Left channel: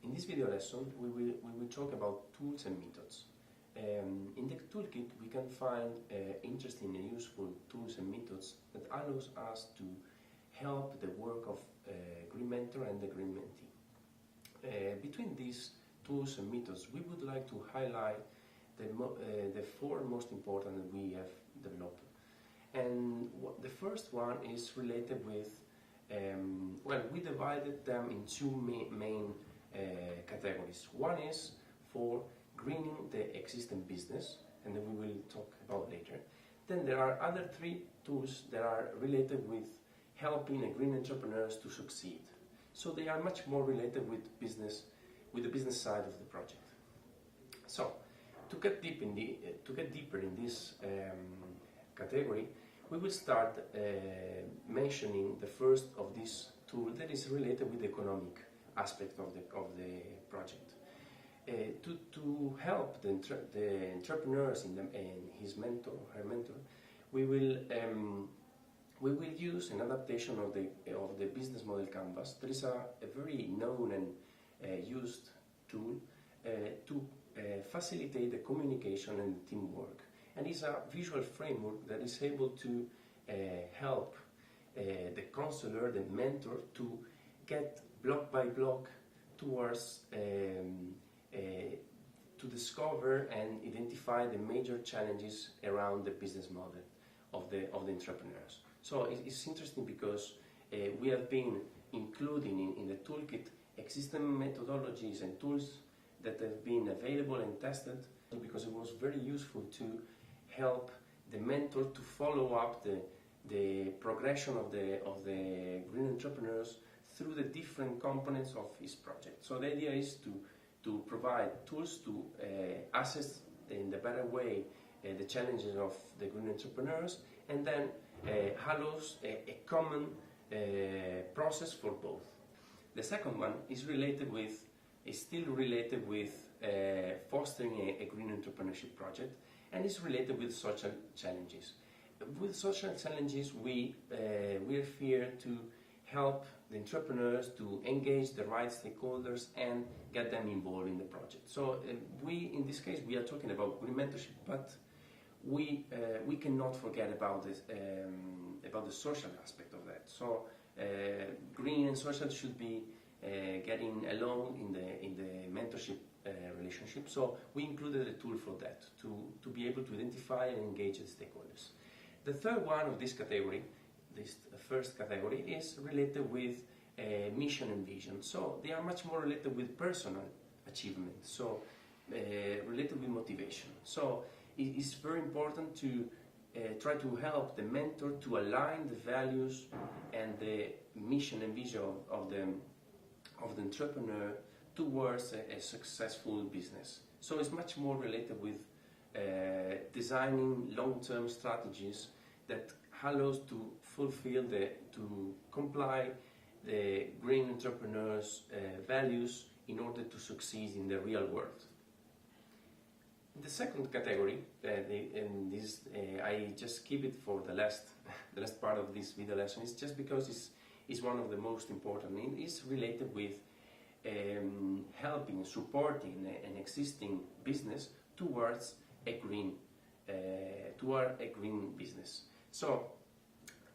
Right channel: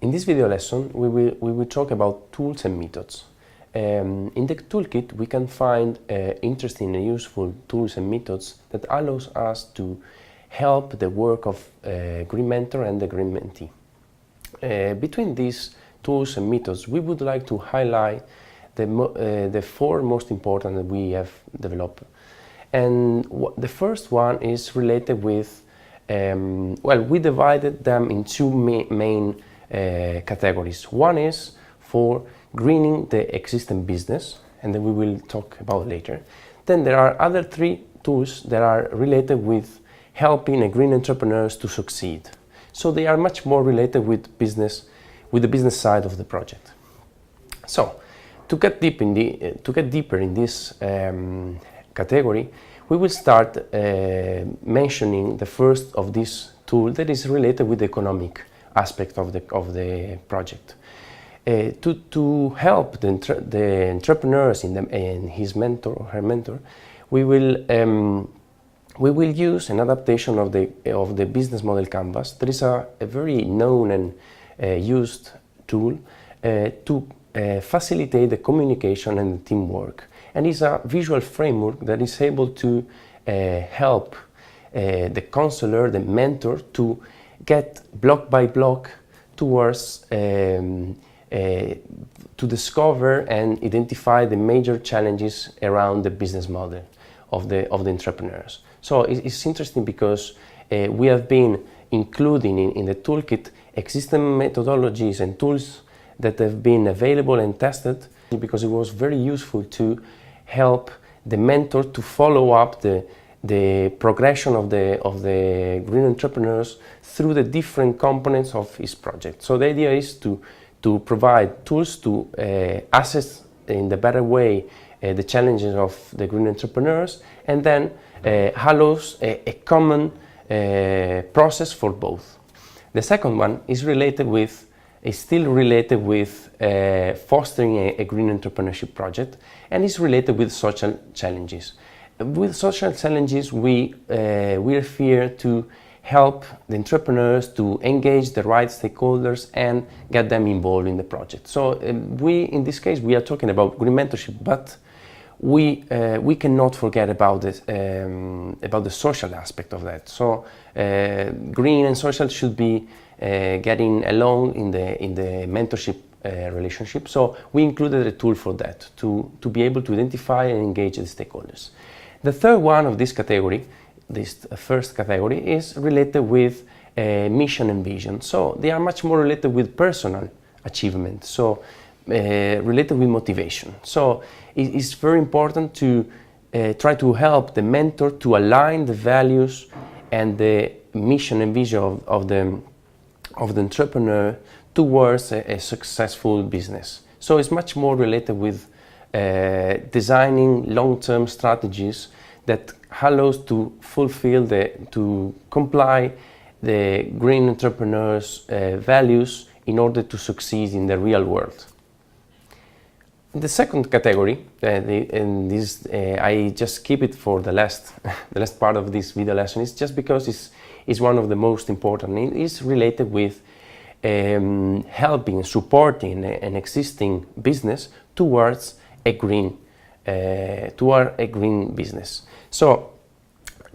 In this video lesson, we will talk about tools and methods. In the toolkit, we can find interesting and useful tools and methods that allows us to help the work of Green Mentor and the Green Mentee. Between these tools and methods, we would like to highlight the four most important that we have developed. And the first one is related with, we divided them in two main categories. One is for greening the existing business, and then we will talk about later. Then there are other three tools that are related with helping green entrepreneurs to succeed. So they are much more related with the business side of the project. So to get deeper in this category, we will start mentioning the first of this tool that is related with the economic aspect of the project. To help the entrepreneurs and his mentor or her mentor, we will use an adaptation of the business model canvas. That is a very known and used tool to facilitate the communication and the teamwork, and is a visual framework that is able to help the counselor, the mentor, to get block by block towards to discover and identify the major challenges around the business model of the entrepreneurs. So it's interesting because we have been including in the toolkit existing methodologies and tools that have been available and tested, because it was very useful to help the mentor to follow up the progression of the green entrepreneurs through the different components of his project. So the idea is to provide tools to assess in the better way the challenges of the green entrepreneurs, and then allows a common process for both. The second one is still related with fostering a green entrepreneurship project, and is related with social challenges. With social challenges, we refer to help the entrepreneurs to engage the right stakeholders and get them involved in the project. So in this case, we are talking about green mentorship, but we cannot forget about the social aspect of that. So green and social should be getting along in the mentorship relationship. So we included a tool for that, to be able to identify and engage the stakeholders. The third one of this category, this first category, is related with mission and vision. So they are much more related with personal achievement, so related with motivation. So it's very important to try to help the mentor to align the values and the mission and vision of the entrepreneur towards a successful business. So it's much more related with designing long-term strategies that allows to to comply the green entrepreneurs' values in order to succeed in the real world. The second category, I just keep it for the last part of this video lesson, is just because it's one of the most important. It is related with helping, supporting an existing business towards a green business. So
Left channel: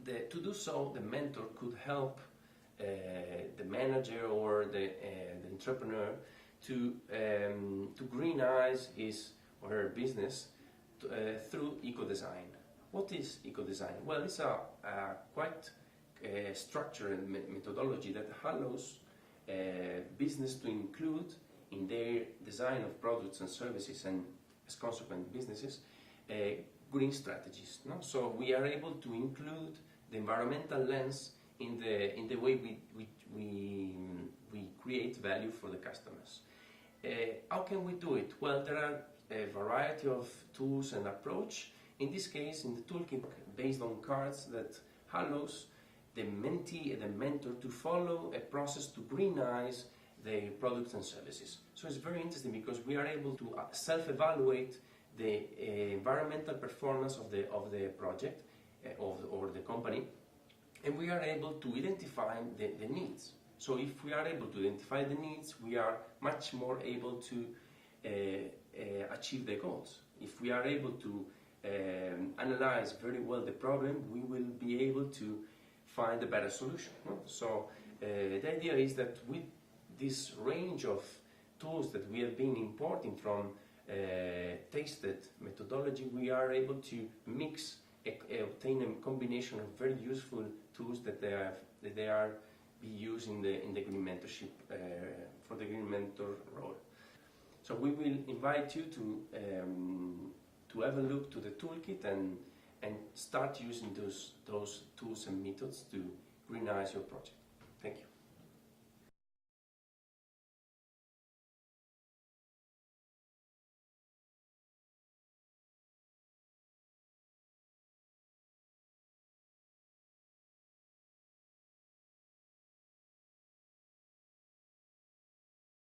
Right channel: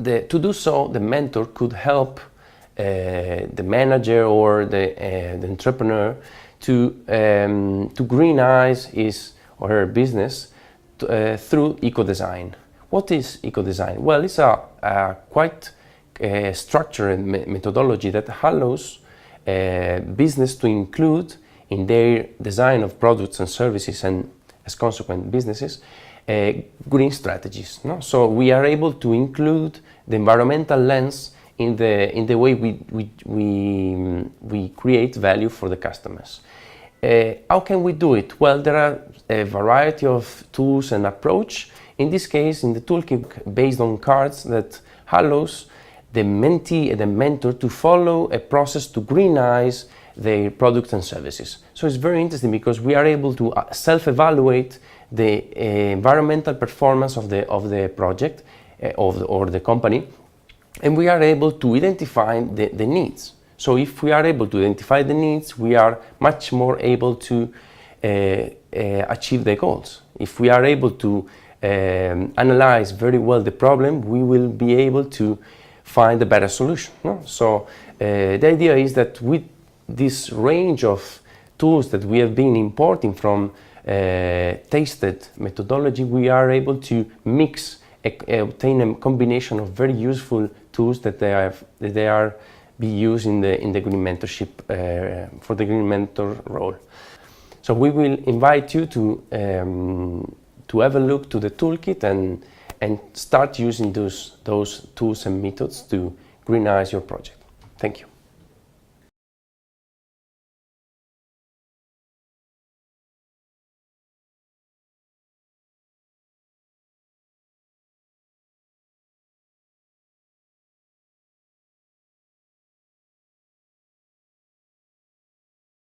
to do so, the mentor could help the manager or the entrepreneur to greenize his or her business through eco-design. What is eco-design? Well, it's a quite structured methodology that allows business to include in their design of products and services, and as consequent businesses, green strategies. No? So we are able to include the environmental lens in the way we create value for the customers. How can we do it? Well, there are a variety of tools and approach. In this case, in the toolkit, based on cards that allows the mentee and the mentor to follow a process to greenize their products and services. So it's very interesting because we are able to self-evaluate the environmental performance of the project or the company, and we are able to identify the needs. So if we are able to identify the needs, we are much more able to achieve the goals. If we are able to analyze very well the problem, we will be able to find a better solution. No? So the idea is that with this range of tools that we have been importing from tasted methodology, we are able to mix, obtain a combination of very useful tools that they are be used in the green mentorship for the green mentor role. So we will invite you to have a look to the toolkit and start using those tools and methods to greenize your project. Thank you.